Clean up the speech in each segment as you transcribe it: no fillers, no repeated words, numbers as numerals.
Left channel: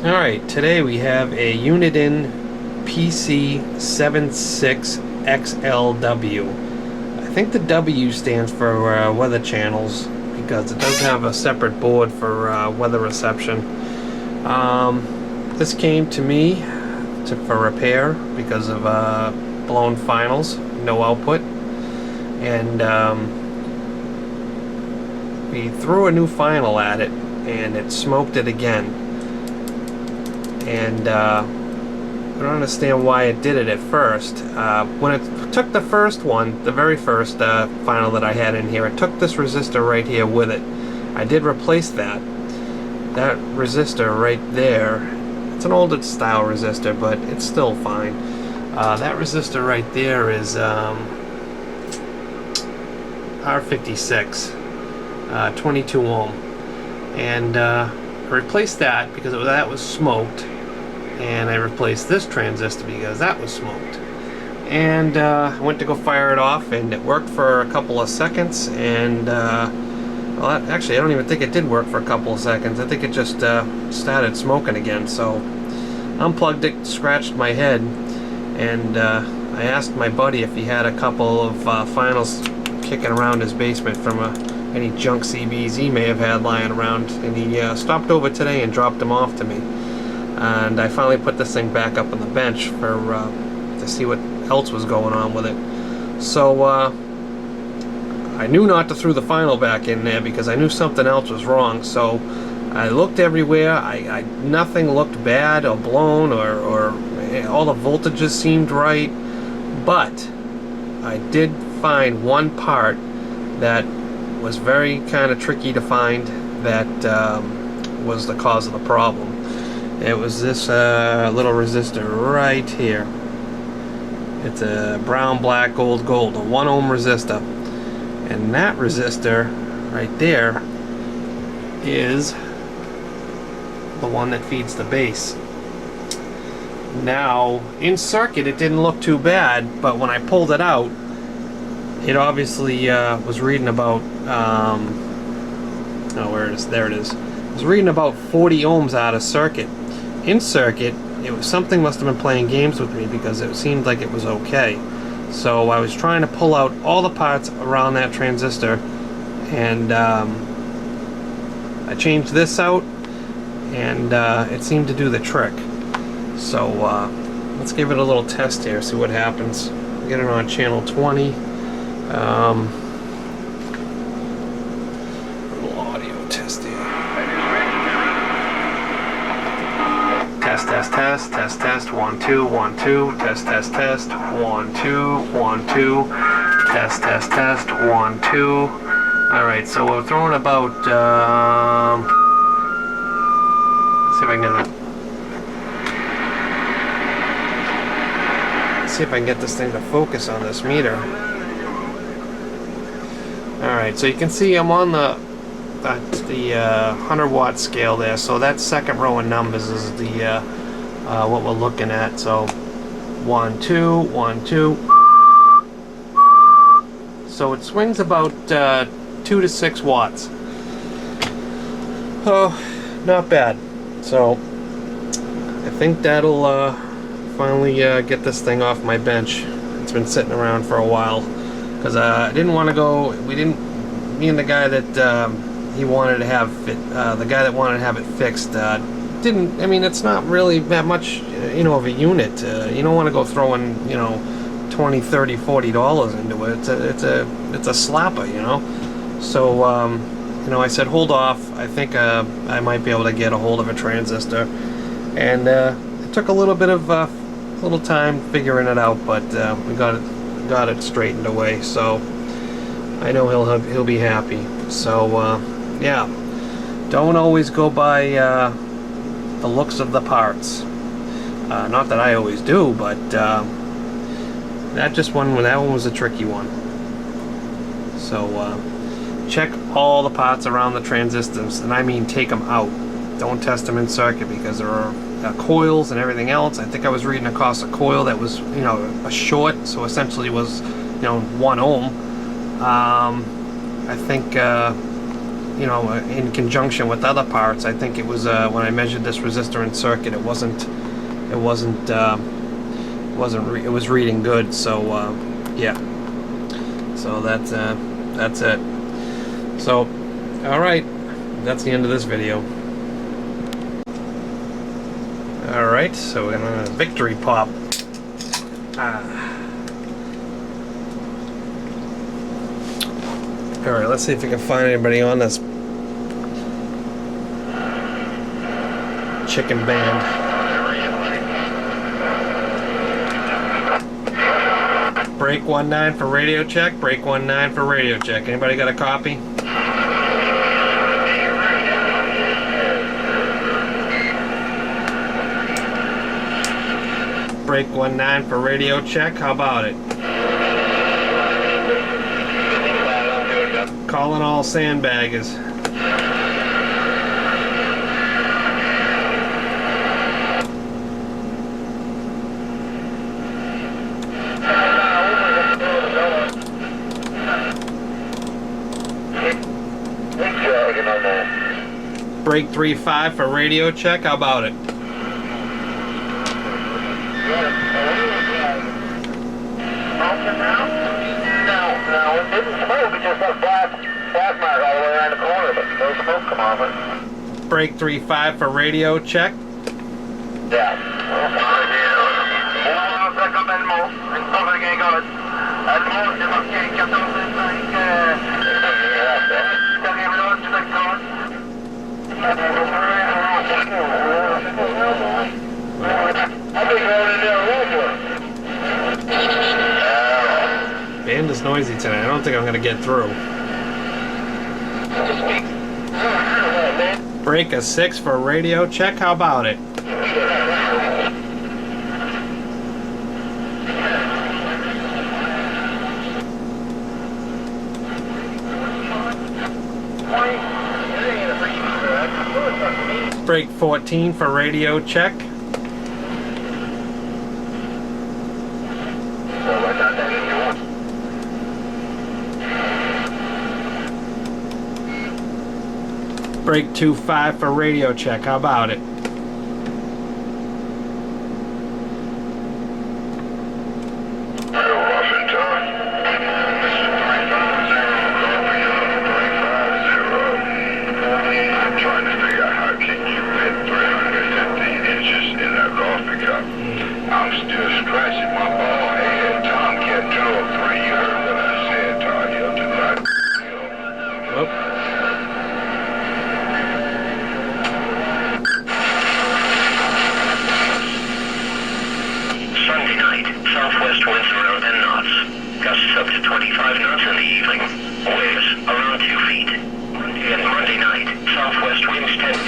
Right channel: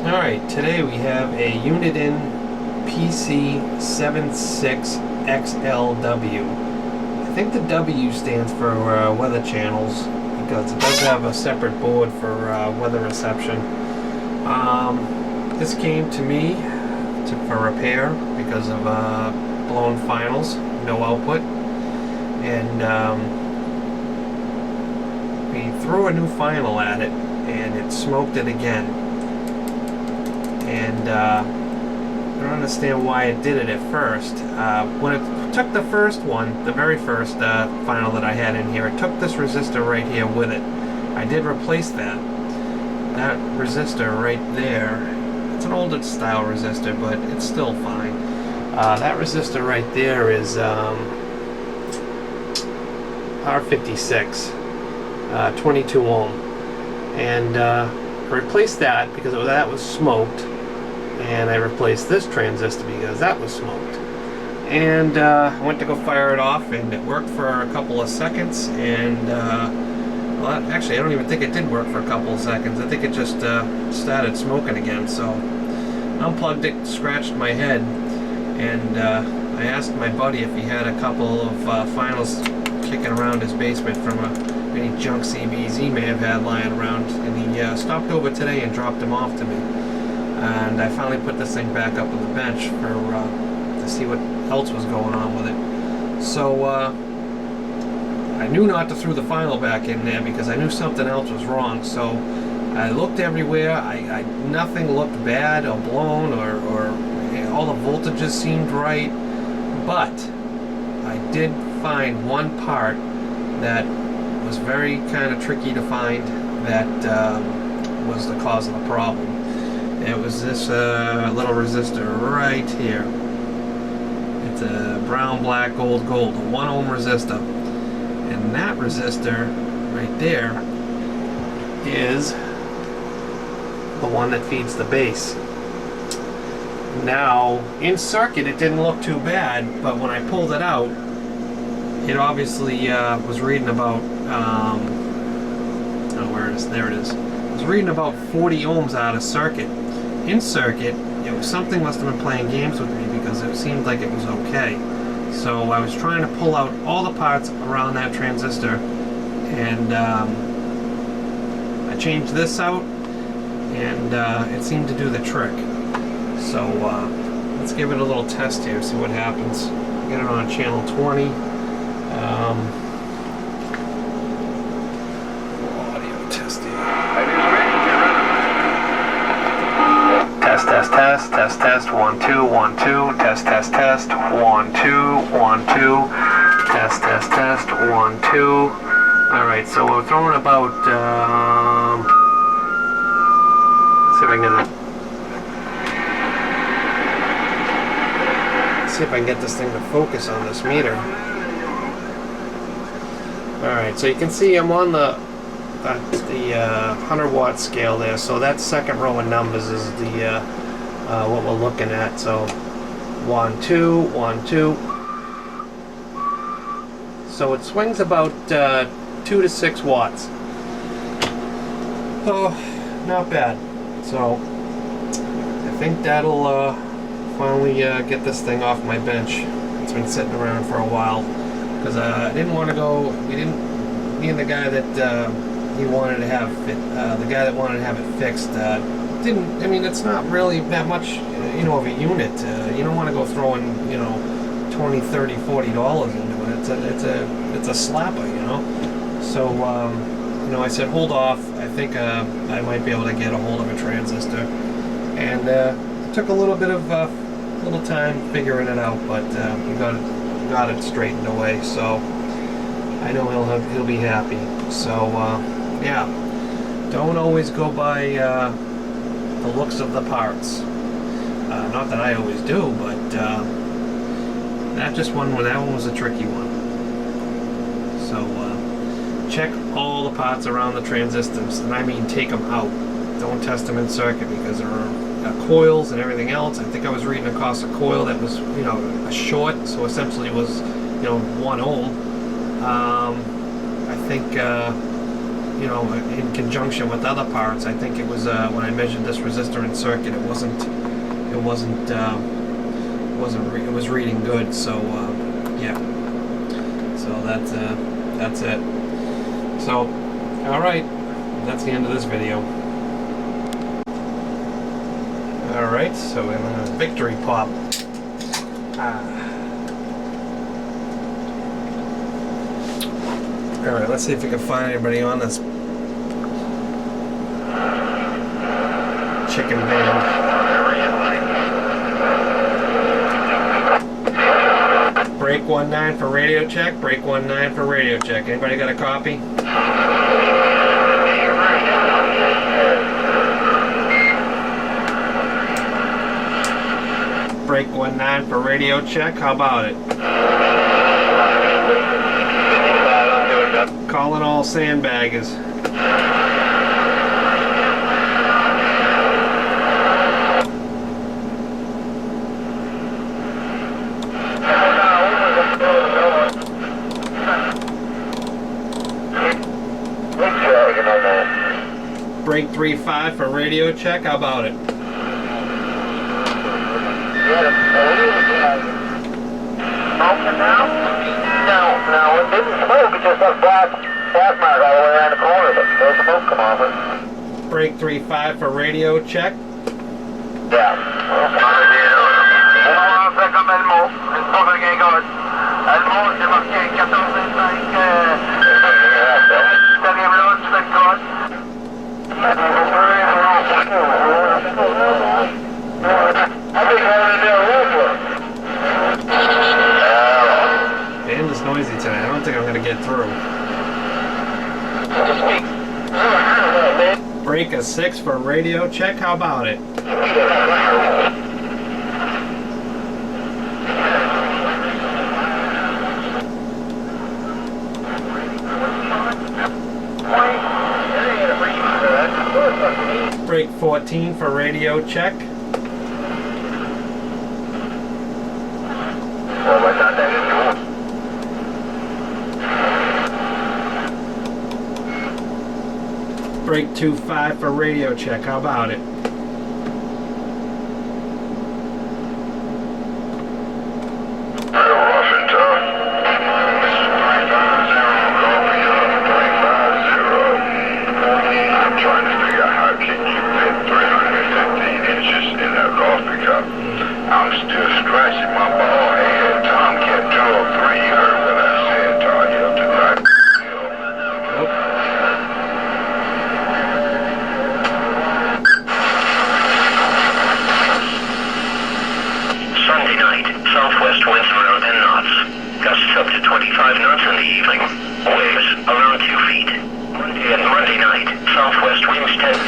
Alright, today we have a Uniden Pc76Xlw. I think the W stands for weather channels because it does have a separate board for weather reception. This came to me for repair because of blown finals, no output, and we threw a new final at it and it smoked it again. And I don't understand why it did it at first. When it took the first one, the very first final that I had in here, it took this resistor right here with it. I did replace that. That resistor right there, it's an older style resistor, but it's still fine. That resistor right there is R56, 22 ohm. And I replaced that because that was smoked. And I replaced this transistor because that was smoked. And I went to go fire it off, and it worked for a couple of seconds. And well, actually, I don't even think it did work for a couple of seconds. I think it just started smoking again. So unplugged it, scratched my head, and I asked my buddy if he had a couple of finals kicking around his basement from any junk CBs he may have had lying around. And he stopped over today and dropped them off to me. And I finally put this thing back up on the bench for to see what else was going on with it. So I knew not to throw the final back in there because I knew something else was wrong. So I looked everywhere. Nothing looked bad or blown, or all the voltages seemed right. But I did find one part that was very kind of tricky to find that was the cause of the problem. It was this little resistor right here. It's a brown, black, gold, gold, a 1 ohm resistor. And that resistor right there is the one that feeds the base. Now, in circuit it didn't look too bad, but when I pulled it out, it obviously was reading about, oh, where it is? There it is. It was reading about 40 ohms out of circuit. In circuit, something must have been playing games with me because it seemed like it was okay. So I was trying to pull out all the parts around that transistor, and I changed this out, and it seemed to do the trick. So let's give it a little test here, see what happens. Get it on channel 20. Audio testing. Test, 1, 2, 1, 2, test, 1, 2, 1, 2, test, 1, 2. Alright, so we're throwing about, see if I can get this thing to focus on this meter. Alright, so you can see I'm on the 100 watt scale there, so that second row of numbers is the what we're looking at. So 1, 2, 1, 2. So it swings about 2 to 6 watts. So not bad. So I think that'll finally get this thing off my bench. It's been sitting around for a while because I didn't want to go. Me and the guy that he wanted to have it, the guy that wanted to have it fixed, didn't. I mean, it's not really that much, of a unit. You don't want to go throwing, $20, $30, $40 into it. It's a slapper, So, I said, hold off. I think I might be able to get a hold of a transistor, and it took a little bit of little time figuring it out, but we got it straightened away. So I know he'll be happy. So yeah, don't always go by the looks of the parts. Not that I always do, but that one was a tricky one. So check all the parts around the transistors, and I mean take them out. Don't test them in circuit because there are coils and everything else. I think I was reading across a coil that was, a short, so essentially was, 1 ohm. I think you know, in conjunction with other parts. I think it was when I measured this resistor and circuit, it was reading good. So yeah. So that's it. So, all right, that's the end of this video. All right, so in a victory pop. All right, let's see if we can find anybody on this chicken band. Break 19 for radio check. Break 19 for radio check. Anybody got a copy? Break 19 for radio check. How about it? Calling all sandbaggers. Break 35 for radio check. How about it? No, it didn't smoke. It just got black mark all the way around the corner, but no smoke come off it. Break 35 for radio check. Yeah. Band is noisy tonight. I don't think I'm going to get through. Break a 6 for radio check. How about it? Break 14 for radio check. Break 2-5 for radio check. How about it? I'm still scratching my bald head. Tom kept 2 or 3. You heard what I said, Tom. You have to not. Sunday night, southwest winds around 10 knots. Gusts up to 25 knots in the evening. Waves around 2 feet. Monday night, southwest winds 10.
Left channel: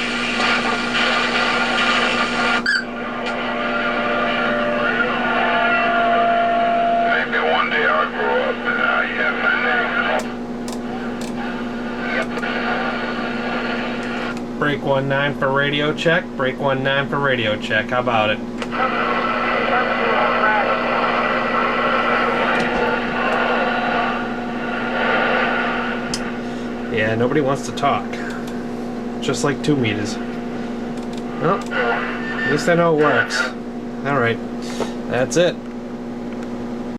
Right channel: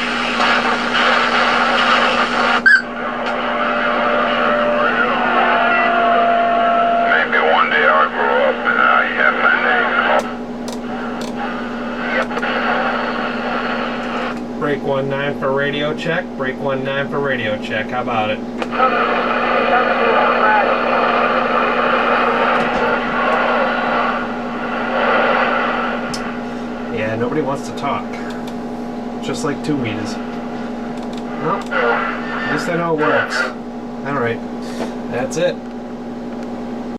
Break 19 for radio check. Break 19 for radio check. How about it? Yeah, nobody wants to talk. Just like 2 meters. Well, at least I know it works. Alright, that's it.